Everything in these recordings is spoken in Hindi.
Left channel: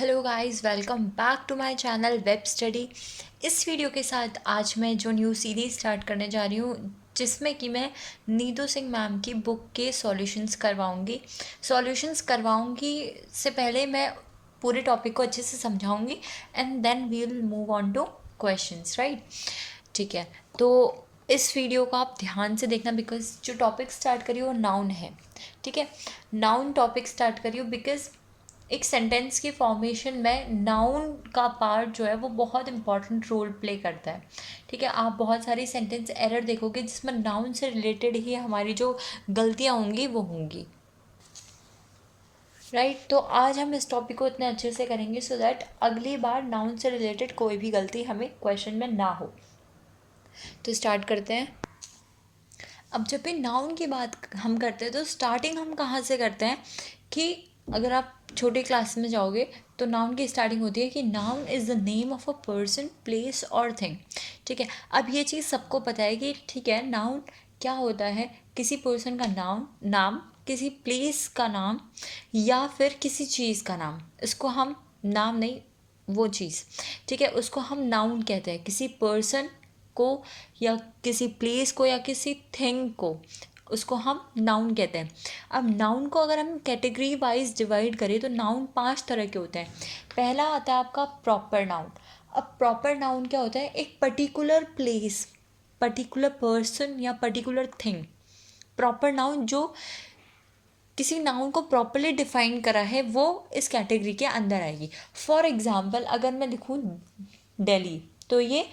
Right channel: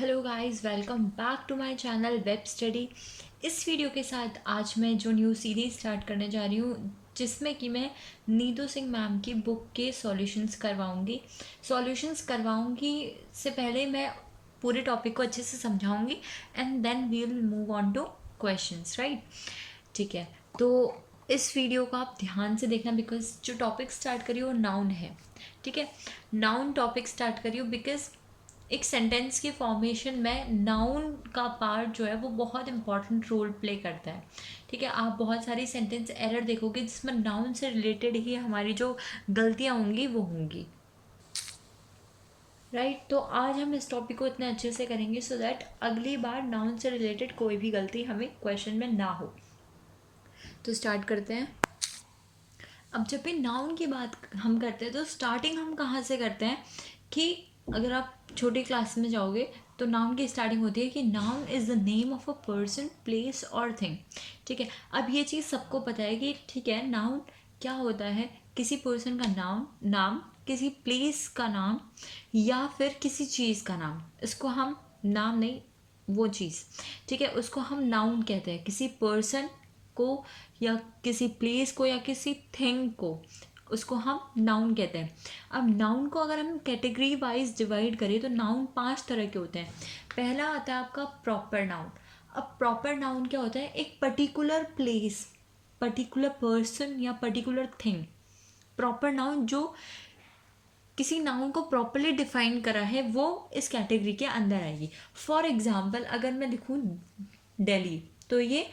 Hello guys, welcome back to my channel web study. इस वीडियो के साथ आज मैं जो न्यू सीरीज़ स्टार्ट करने जा रही हूँ, जिसमें कि मैं नीतू सिंह मैम की बुक के सॉल्यूशंस करवाऊँगी। से पहले मैं पूरे टॉपिक को अच्छे से समझाऊँगी and then we will move on to questions, right. ठीक है, तो इस वीडियो को आप ध्यान से देखना बिकॉज जो टॉपिक स्टार्ट करी वो नाउन है। ठीक है, नाउन टॉपिक स्टार्ट करी बिकॉज एक सेंटेंस की फॉर्मेशन में नाउन का पार्ट जो है वो बहुत इंपॉर्टेंट रोल प्ले करता है। ठीक है, आप बहुत सारी सेंटेंस एरर देखोगे जिसमें नाउन से रिलेटेड ही हमारी जो गलतियाँ होंगी वो होंगी, राइट। तो आज हम इस टॉपिक को इतने अच्छे से करेंगे सो दैट अगली बार नाउन से रिलेटेड कोई भी गलती हमें क्वेश्चन में ना हो। तो स्टार्ट करते हैं। अब जब भी नाउन की बात हम करते हैं तो स्टार्टिंग हम कहाँ से करते हैं कि अगर आप छोटे क्लास में जाओगे तो नाउन की स्टार्टिंग होती है कि noun is the name of a person, place और थिंग। ठीक है, अब ये चीज़ सबको पता है कि ठीक है, नाउन क्या होता है, किसी पर्सन का नाम, किसी प्लेस का नाम या फिर किसी चीज़ का नाम। इसको हम नाम नहीं, वो चीज़, ठीक है, उसको हम नाउन कहते हैं। किसी पर्सन को या किसी प्लेस को या किसी थिंग को, उसको हम नाउन कहते हैं। अब नाउन को अगर हम कैटेगरी वाइज डिवाइड करें तो नाउन 5 तरह के होते हैं। पहला आता है आपका प्रॉपर नाउन। अब प्रॉपर नाउन क्या होता है, एक पर्टिकुलर प्लेस, पर्टिकुलर पर्सन या पर्टिकुलर थिंग। प्रॉपर नाउन जो किसी नाउन को प्रॉपरली डिफाइन करा है वो इस कैटेगरी के अंदर आएगी। फॉर एग्जाम्पल अगर मैं लिखूँ दिल्ली, तो ये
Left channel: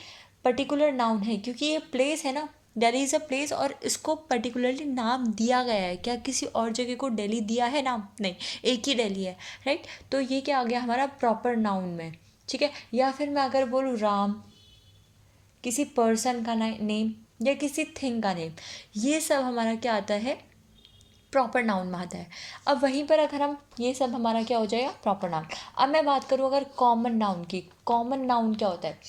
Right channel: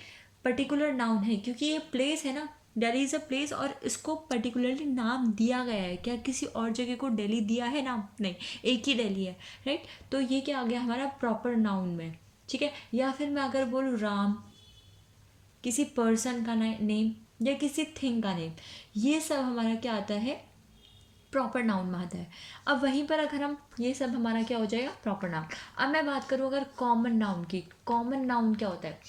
पर्टिकुलर नाउन है क्योंकि ये प्लेस है ना, दिल्ली इज़ अ प्लेस और इसको पर्टिकुलरली नाम दिया गया है। क्या किसी और जगह को दिल्ली दिया है नाम? नहीं, एक ही दिल्ली है, राइट। तो ये क्या आ गया हमारा प्रॉपर नाउन में। ठीक है, या फिर मैं अगर बोलूँ राम, किसी पर्सन का नेम या किसी थिंग का नेम, ये सब हमारा क्या आता है, प्रॉपर नाउन में आता है। अब वहीं पर अगर हम ये सब हमारा क्या हो जाएगा, प्रॉपर नाउन। अब मैं बात करूँ अगर कॉमन नाउन की, कॉमन नाउन क्या होता है?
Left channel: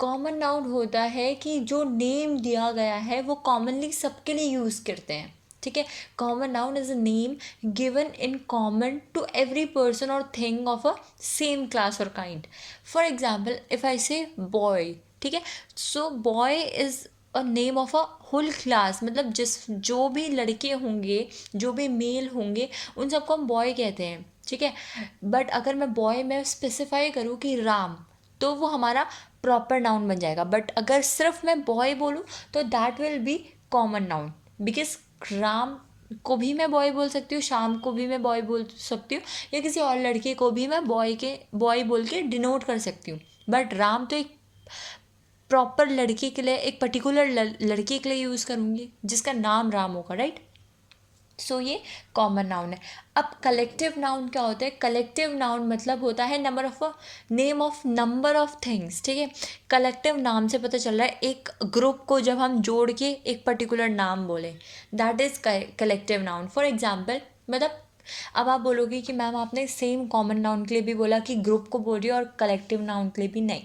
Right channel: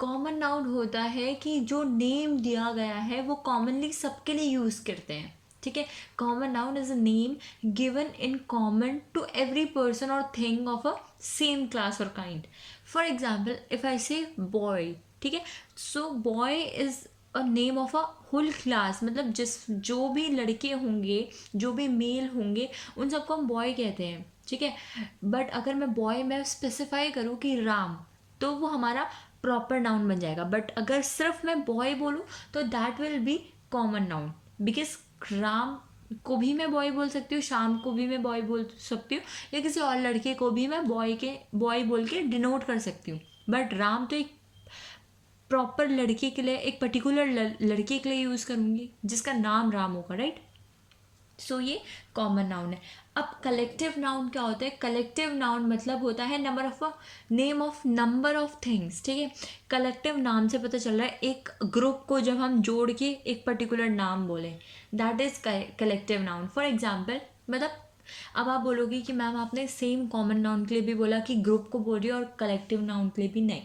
कॉमन नाउन होता है कि जो नेम दिया गया है वो कॉमनली सबके लिए यूज़ करते हैं। ठीक है, common noun is a name given in common to every person और thing of a same class और kind. For example if I say boy, ठीक है, so boy is a name of a whole class, मतलब जो भी लड़के होंगे, जो भी मेल होंगे, उन सबको हम बॉय कहते हैं। ठीक है, बट अगर मैं बॉय में स्पेसिफाई करूँ कि राम, तो वो हमारा प्रॉपर नाउन बन जाएगा। बट अगर सिर्फ मैं बॉय बोलूँ तो that will be common noun because Ram को भी मैं बॉय बोल सकती हूँ, शाम को भी मैं बॉय बोल सकती हूँ, या किसी और लड़के को भी मैं बॉय बोल के डिनोट कर सकती हूँ। बट राम तो एक प्रॉपर लड़की के लिए, एक पर्टिकुलर लड़की के लिए यूज़ करूँगी जिसका नाम राम होगा, राइट। सो ये कॉमन नाउन है। अब कलेक्टिव नाउन क्या होता है? कलेक्टिव नाउन मतलब होता है number of a name of number of things. ठीक है, कलेक्टिव नाम से पता चल रहा है एक ग्रुप को जब हम जोड़ के एक पर्टिकुलर नाम बोले, that is collective noun. For example मतलब अब आप बोलोगे कि मैम आपने सेम कॉमन नाउन के लिए भी बोला कि ग्रुप को बोल रही हो और कलेक्टिव नाउन के लिए भी नहीं।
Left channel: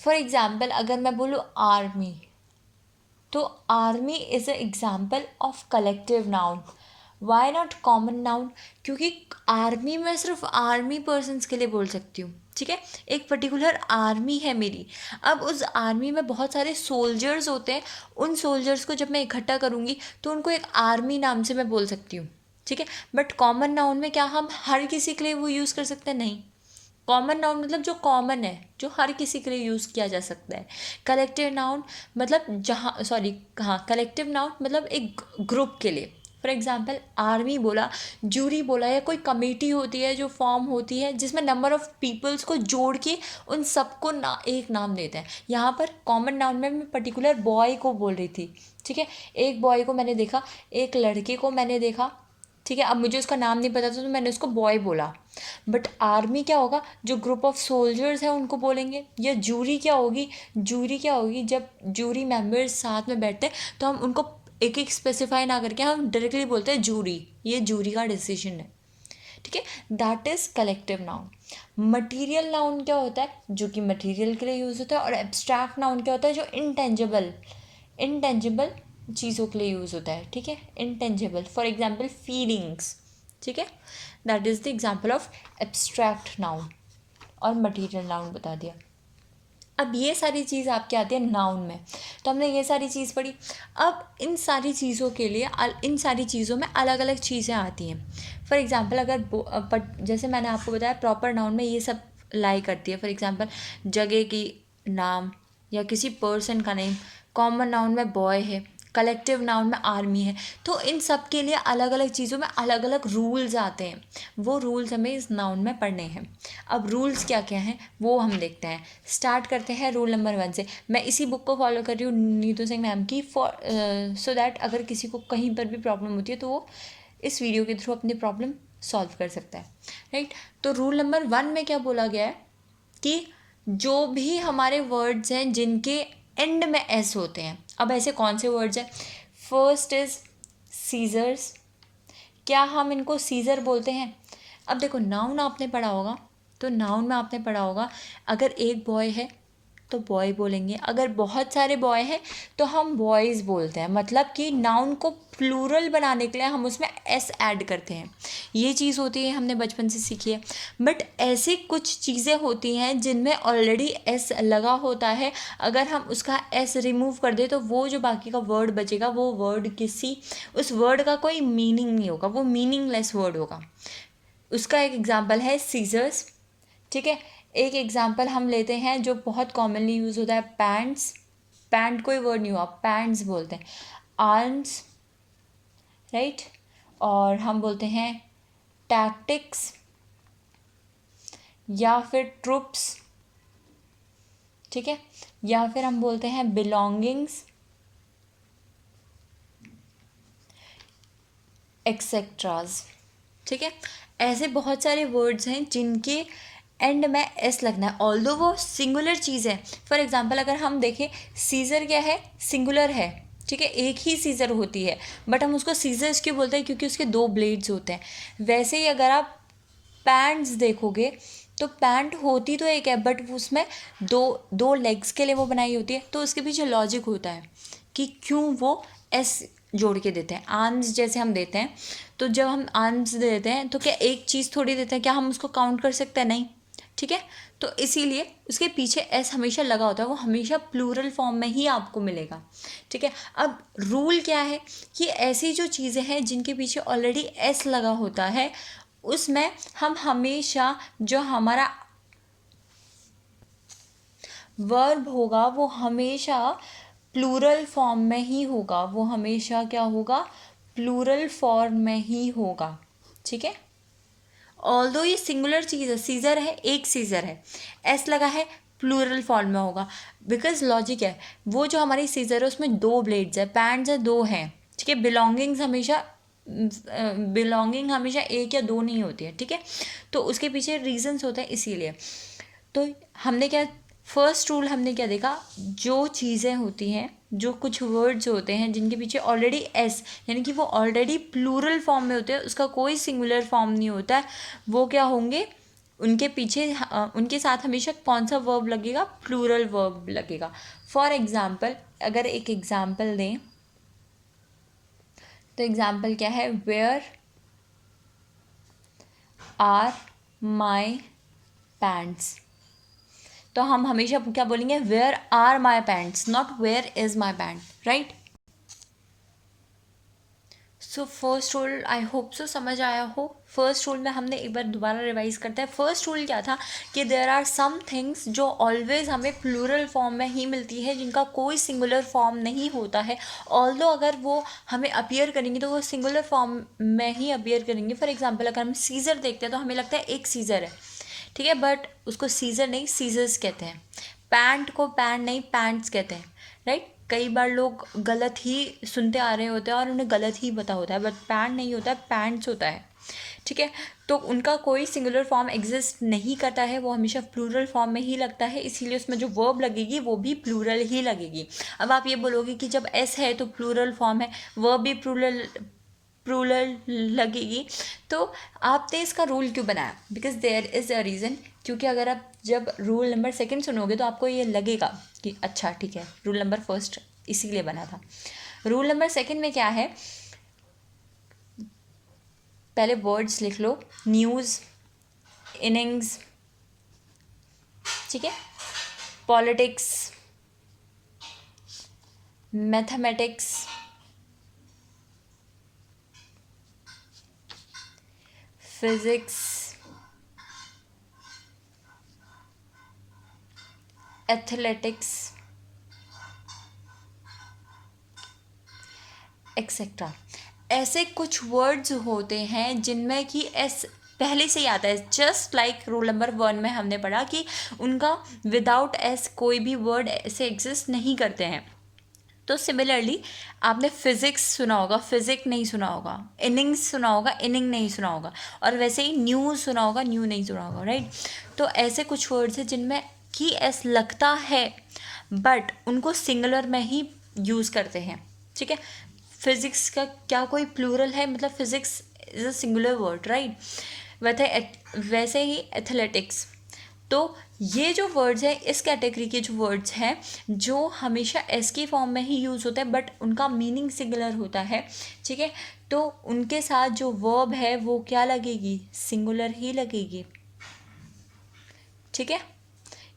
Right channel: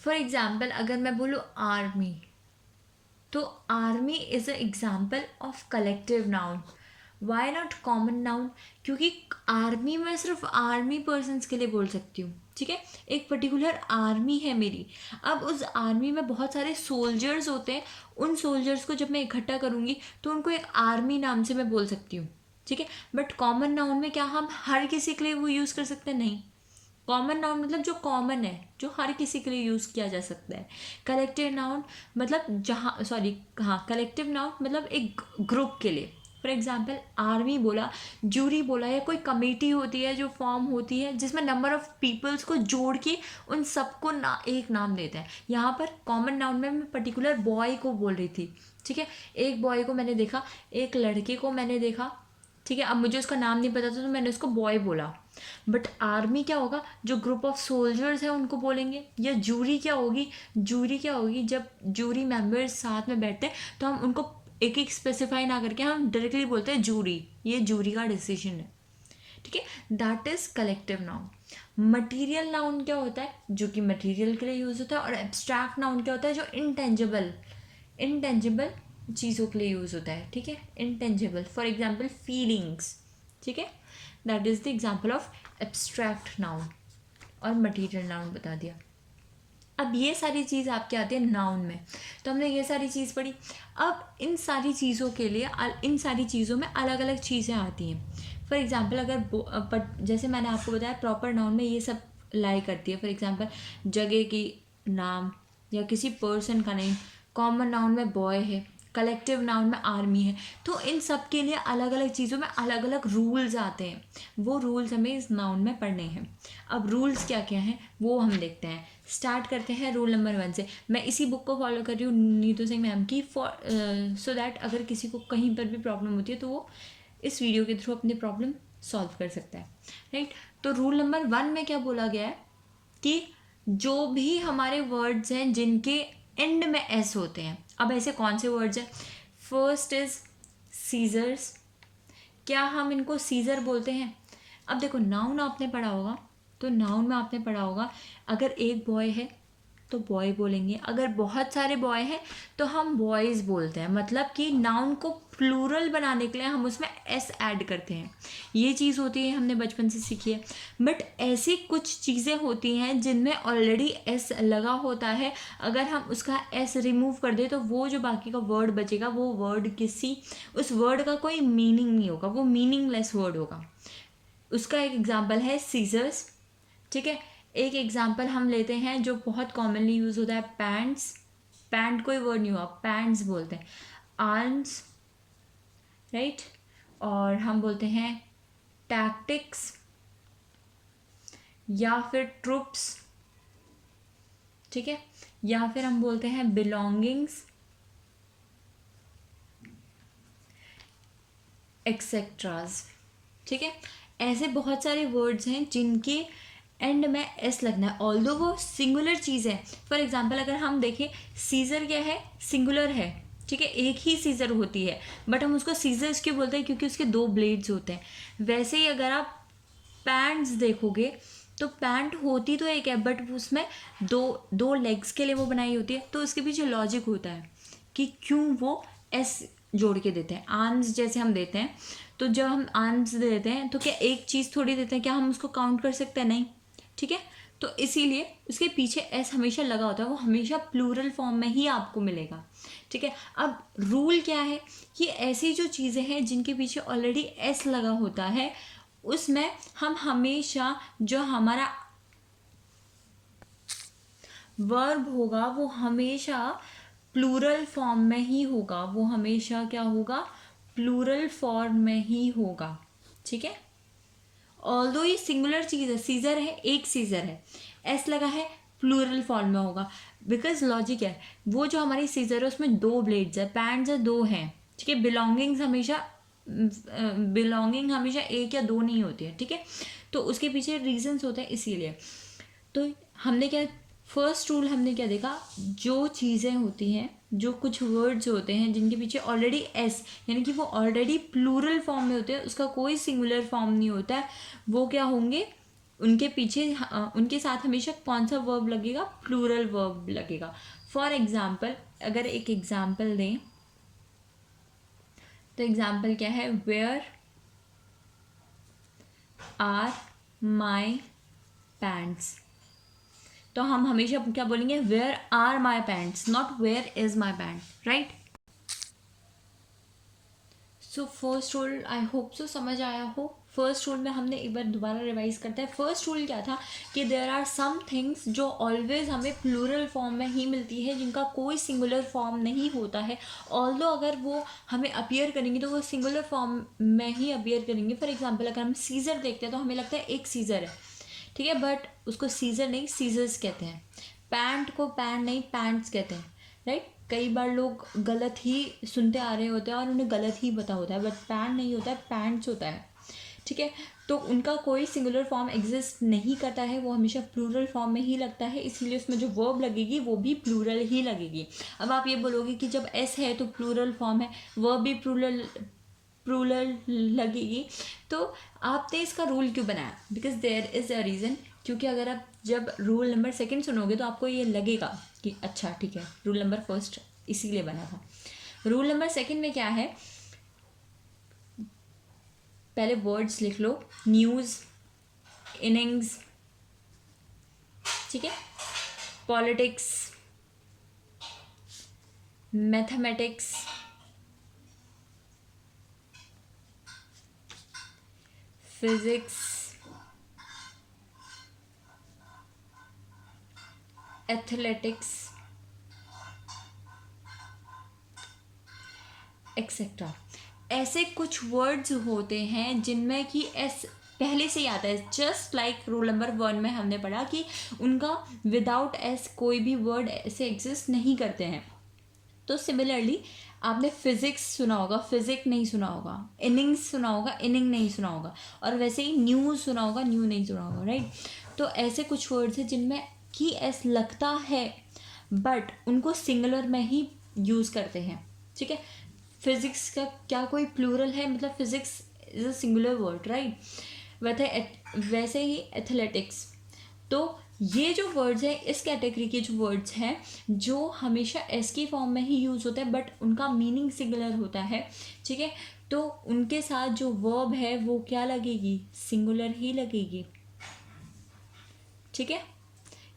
फॉर एग्जाम्पल अगर मैं बोलूँ आर्मी, तो army is a example of collective noun. Why not common noun? क्योंकि आर्मी में सिर्फ आर्मी पर्सनस के लिए बोल सकती हूँ। ठीक है, एक पर्टिकुलर आर्मी है मेरी। अब उस आर्मी में बहुत सारे सोल्जर्स होते हैं, उन सोल्जर्स को जब मैं इकट्ठा करूँगी तो उनको एक आर्मी नाम से मैं बोल सकती हूँ। ठीक है, बट कॉमन नाउन में क्या हम हर किसी के लिए वो यूज़ कर सकते हैं? नहीं। कॉमन नाउन मतलब जो कॉमन है, जो हर किसी के लिए यूज़ किया जा सकता है। कलेक्टिव नाउन मतलब जहाँ, सॉरी, हाँ, कलेक्टिव नाउन मतलब एक ग्रुप के लिए। फॉर एग्जाम्पल आर्मी बोला, जूरी बोला, या कोई कमेटी होती है जो फॉर्म होती है जिसमें नंबर ऑफ पीपल्स को जोड़ के उन सबको एक नाम देते हैं। यहाँ पर कॉमन नाउन में मैं पर्टिकुलर बॉय को बोल रही थी। ठीक है, एक बॉय को मैंने देखा, एक लड़के को मैंने देखा। ठीक है, अब मुझे उसका नाम नहीं पता था तो मैंने उसको बॉय बोला। बट आर्मी क्या होगा, जो ग्रुप ऑफ सोल्जर्स हैं उनको बोलेंगे। या जूरी क्या होगी, जूरी क्या होगी, जब जूरी मेंबर्स साथ में बैठते हैं तो हम उनको एक एक स्पेसिफाई ना करके हम डायरेक्टली बोलते हैं जूरी, ये जूरी का डिसीजन है। ठीक है, that is collective noun. Material noun क्या होता है, जो कि मटीरियल के लिए यूज़ होता है। और एब्स्ट्रैक्ट नाउन क्या होता है, जो इनटेंजिबल इनटेंजिबल चीज़ों के लिए यूज़ होता है। ठीक है, इनटेंजिबल, फॉर एग्जाम्पल फीलिंग्स। ठीक है, that is the example of abstract noun. और मटीरियल नाउन बता दिया। अब ये सारी चीज़ आपके आती है नाउन में, तो हमने ये सारी चीज़ पढ़ी। अब इन सारी चीज़ों के लिए इन सारी चीज़ों में अलग अलग चीज़ें आती हैं। फॉर एग्ज़ाम्पल अगर जैसे मैंने आपको बताया प्रॉपर नाउन में ये सब लाई करती है। फॉर एग्ज़ाम्पल जगह की नाम या किसी पर्सन का नेम, कॉमन नाउन में बॉय है, कलेक्टिव नाउन में आर्मी है। तो इन सब के लिए अलग अलग चीज़ों में अलग अलग रूल्स आते हैं, वो रूल्स हमें इस नाउन में पढ़ने हैं। अब रूल्स क्या क्या हैं वो हम देखते हैं। स्टार्ट करते हैं रूल नंबर 1 से। मैं इसी बुक को फॉलो कर रही हूँ नीतू सिंह मैम की, सो दैट अगर किसी को कहीं पर भी प्रॉब्लम होती है तो वो इस वीडियो के थ्रू अपनी प्रॉब्लम सॉल्व कर सकता है, राइट। तो रूल नंबर 1 में क्या बोला गया है कि जो भी हमारे वर्ड्स हैं जिनके एंड में एस होते हैं। अब ऐसे कौन से वर्ड्स हैं? First is scissors. क्या हम इनको सीजर बोलते हैं? अब देखो नाउन आपने पढ़ा होगा, तो नाउन में आपने पढ़ा होगा अगर एक बॉय है तो बॉय बोलेंगे, अगर बहुत सारे बॉय हैं तो हम बॉयज़ बोलते हैं। मतलब कि नाउन को प्लूरल बनाने के लिए हम उसमें एस ऐड करते हैं। ये चीज़ होती है, हमने बचपन से सीखी है। बट ऐसी कुछ चीज़ें होती हैं जिनमें ऑलरेडी एस लगा होता है, अगर हम उसका एस रिमूव कर दें तो वो जो बाकी का वर्ड बचेगा वो वर्ड उस वर्ड का कोई मीनिंग नहीं होगा, वो मीनिंगलेस वर्ड होगा। उसका एक एग्जाम्पल है सीजर्स, ठीक है। एक एग्जाम्पल हम लेते हैं जो बहुत कॉमनली यूज़ होता है, पैंट्स। पैंट कोई वर्ड नहीं हुआ, पैंट्स बोलते हैं। Arms, right. और हम बोलते हैं टैक्टिक्स या फिर ट्रुप्स, ठीक है। या फिर हम बोलते हैं बिलोंगिंग्स, एक्सेट्राज, ठीक है। ऐसे बहुत सारे वर्ड्स हैं जिनके एंड में एस लगना है, ऑल्दो वो सिंगुलर चीज़ है। फॉर एग्जांपल अगर हम देखें सीजर क्या है, सिंगुलर है, ठीक है, एक ही सीजर होती है, बट हम उसको सीजर्स क्यों बोलते हैं? क्योंकि उसके 2 ब्लेड्स होते हैं। वैसे ही अगर आप पैंट्स देखोगे तो पैंट होती तो एक है, बट उसमें दो लेग्स के लिए वो बनाई होती है, तो उसके पीछे लॉजिक होता है कि क्यों वो एस जोड़ के देते हैं। आर्म्स जैसे हम देते हैं, तो जब हम आर्म्स देते हैं तो क्या एक चीज़ थोड़ी देते हैं, क्या हम उसको काउंट कर सकते हैं? नहीं, ठीक है। तो इसीलिए उसके पीछे एस हमेशा लगा होता है, वो हमेशा प्लूरल फॉर्म में ही आपको मिलेगा, ठीक है। अब रूल क्या है कि ऐसी जो चीज़ें हैं जिनके पीछे ऑलरेडी एस लगा होता है उसमें हम हमेशा जो हमारा वर्ब होगा वो हमेशा प्लूरल फॉर्म में ही होगा, वो हमेशा क्या होगा? प्लूरल फॉर्म में ही होगा, ठीक है। ऑल्दो ये सिंगुलर चीज़ है, सीजर है, एक सीजर है, एस लगा है, प्लूरल फॉर्म में होगा। बिकॉज लॉजिक है, वो जो हमारी सीजर है उसमें 2 ब्लेड्स है, पैंट्स है 2 हैं, ठीक है। बिलोंगिंग हमेशा 1 या 2 नहीं होती है, ठीक है। तो उसके पीछे रीजंस होते हैं, इसीलिए। तो हमने क्या फर्स्ट रूल हमने क्या देखा, जो चीज़ें होती हैं, जो कुछ वर्ड्स होते हैं जिनके पीछे ऑलरेडी एस, यानी कि वो ऑलरेडी प्लूरल फॉर्म में होते हैं, उसका कोई सिंगुलर फॉर्म नहीं होता है, वो क्या होंगे? उनके पीछे उनके साथ हमेशा कौन सा वर्ब लगेगा? प्लूरल वर्ब लगेगा। फॉर एग्जाम्पल अगर एक एग्जाम्पल दें तो एग्जाम्पल क्या है? Where are my pants. तो हम हमेशा क्या बोलेंगे? Where are my pants, not where is my pant, right. So first rule I hope so समझ आया हो। फर्स्ट रूल में हमने एक बार दोबारा रिवाइज करते हैं। फर्स्ट रूल क्या था कि देयर आर सम थिंग्स जो ऑलवेज हमें प्लूरल फॉर्म में ही मिलती है, जिनका कोई सिंगुलर फॉर्म नहीं होता है। ऑल्दो अगर वो हमें अपीयर करेंगे तो वो सिंगुलर फॉर्म में ही अपीयर करेंगे। फॉर एग्जाम्पल अगर हम सीजर देखते हैं तो हमें लगता है एक सीजर है, ठीक है, बट उसको सीजर नहीं सीजर्स कहते हैं। पैंट को पैंट नहीं पैंट्स कहते हैं, राइट। कई बार लोग गलत ही सुनते आ रहे होते हैं और उन्हें गलत ही पता होता है, बट पैंट नहीं होता है, पैंट्स होता है, ठीक है। तो उनका कोई सिंगुलर फॉर्म एग्जिस्ट नहीं करता है, वो हमेशा प्लूरल फॉर्म में ही लगता है, इसीलिए उसमें जो वर्ब लगेगी वो भी प्लूरल ही लगेगी। अब आप ये बोलोगे कि जब एस है तो प्लूरल फॉर्म है, वर्ब भी प्लूरल लगेगी, तो आपने इसका रूल क्यों बनाया? Because there is a reason. क्योंकि अगर आप जब रूल नंबर 2 सुनोगे तो आपको ये लगेगा कि अच्छा ठीक है, रूल नंबर 1 इसीलिए बना था। रूल नंबर 2 में क्या है? पहले वर्ड्स लिख लो, न्यूज़, इनिंग्स, ठीक है, politics, mathematics, physics, athletics, etcetera. ऐसे कुछ वर्ड्स होते हैं जिनमें कि एस पहले से ही आता है, जस्ट लाइक रोल नंबर 1 में हमने पढ़ा कि उनका विदाउट एस कोई भी वर्ड ऐसे एग्जिस्ट नहीं करते हैं। तो सिमिलरली आपने फिज़िक्स सुना होगा, फिजिक नहीं सुना होगा, इनिंग्स सुना होगा, इनिंग नहीं सुना होगा, और वैसे ही न्यूज़ सुना होगा, न्यू नहीं सुना होगा, राइट। तो ऐसे कुछ वर्ड्स हैं जिनमें कि एस लगता है बट उनको सिंगुलर में ही यूज़ करते हैं, ठीक है। फिज़िक्स का क्या कोई प्लूरल है, मतलब physics is a singular word, right. वैसे ही एथलेटिक्स। तो ये जो वर्ड्स हैं, इस कैटेगरी के जो वर्ड्स हैं जो हमेशा एस की फॉर्म में ही यूज़ होते हैं बट उनका मीनिंग सिंगुलर होता है, ठीक है। तो उनके साथ जो वर्ब है वो क्या लगेगी, सिंगुलर ही लगेगी, ठीक है।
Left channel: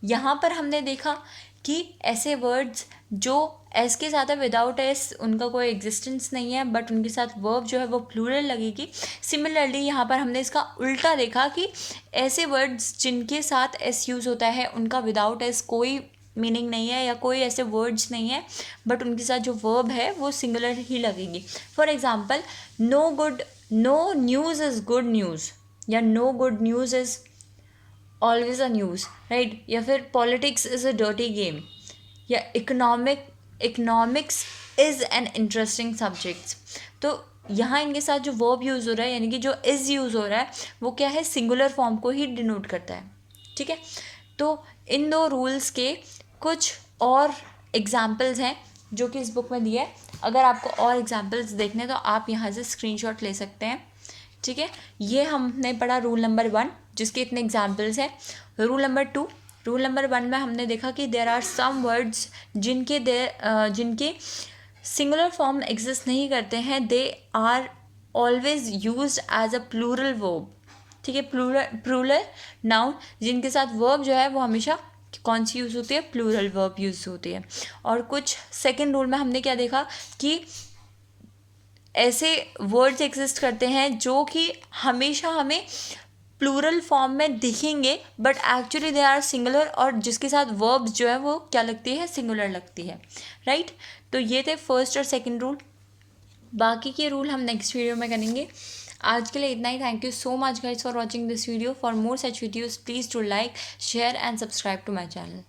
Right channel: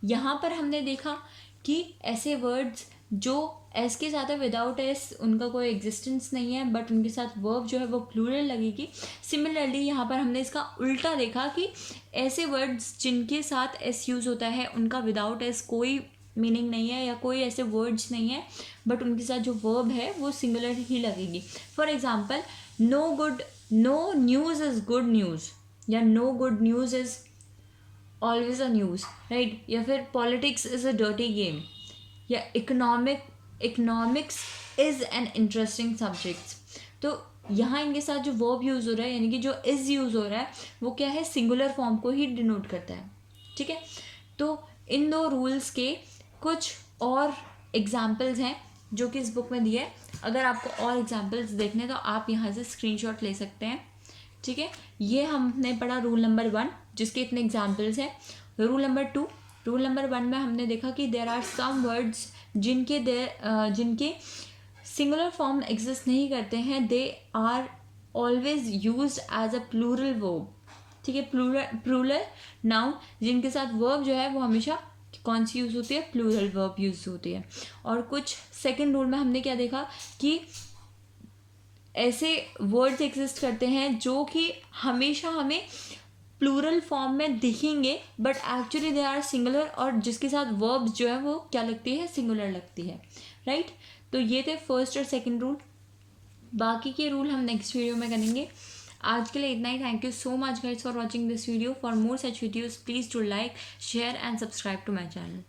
यहाँ पर हमने देखा कि ऐसे वर्ड्स जो एस के साथ है, विदाउट एस उनका कोई एग्जिस्टेंस नहीं है बट उनके साथ वर्ब जो है वो प्लूरल लगेगी। सिमिलरली यहाँ पर हमने इसका उल्टा देखा कि ऐसे वर्ड्स जिनके साथ एस यूज़ होता है उनका विदाउट एस कोई मीनिंग नहीं है या कोई ऐसे वर्ड्स नहीं है बट उनके साथ जो वर्ब है वो सिंगुलर ही लगेगी। For example, no news is good news, या no good news is always a news, right. या फिर politics is a dirty game, या economics is an interesting subject. तो यहाँ इनके साथ जो वर्ब यूज़ हो रहा है यानी कि जो इज़ यूज़ हो रहा है वो क्या है, सिंगुलर फॉर्म को ही डिनोट करता है, ठीक है। तो इन दो रूल्स के कुछ और एग्जाम्पल्स हैं जो कि इस बुक में दिए हैं। अगर आपको और एग्जाम्पल्स देखने तो आप यहाँ से स्क्रीनशॉट ले सकते हैं, ठीक है। ये हमने पढ़ा रूल नंबर 1 जिसके इतने एग्जाम्पल्स हैं। रूल नंबर 1 में हमने देखा कि देयर आर सम वर्ड्स जिनके सिंगुलर फॉर्म एग्जिस्ट नहीं करते हैं, they are always used as a plural verb, ठीक है। प्लूरल नाउन जिनके साथ वर्ब जो है वो हमेशा कौन सी यूज़ होती है, प्लूरल वर्ब यूज़ होती है। और कुछ सेकेंड रूल में हमने क्या देखा कि ऐसे वर्ड्स एग्जिस्ट करते हैं जो कि हमेशा हमें प्लूरल फॉर्म में दिखेंगे but actually they are singular, और जिसके साथ वर्ब्स जो है वो क्या लगती है, सिंगुलर लगती है, राइट। तो ये थे फर्स्ट और सेकंड रूल। बाकी के रूल हम नेक्स्ट वीडियो में करेंगे। आज के लिए इतना ही। Thank you so much guys for watching this video. For more such videos please do like, share and subscribe to my channel.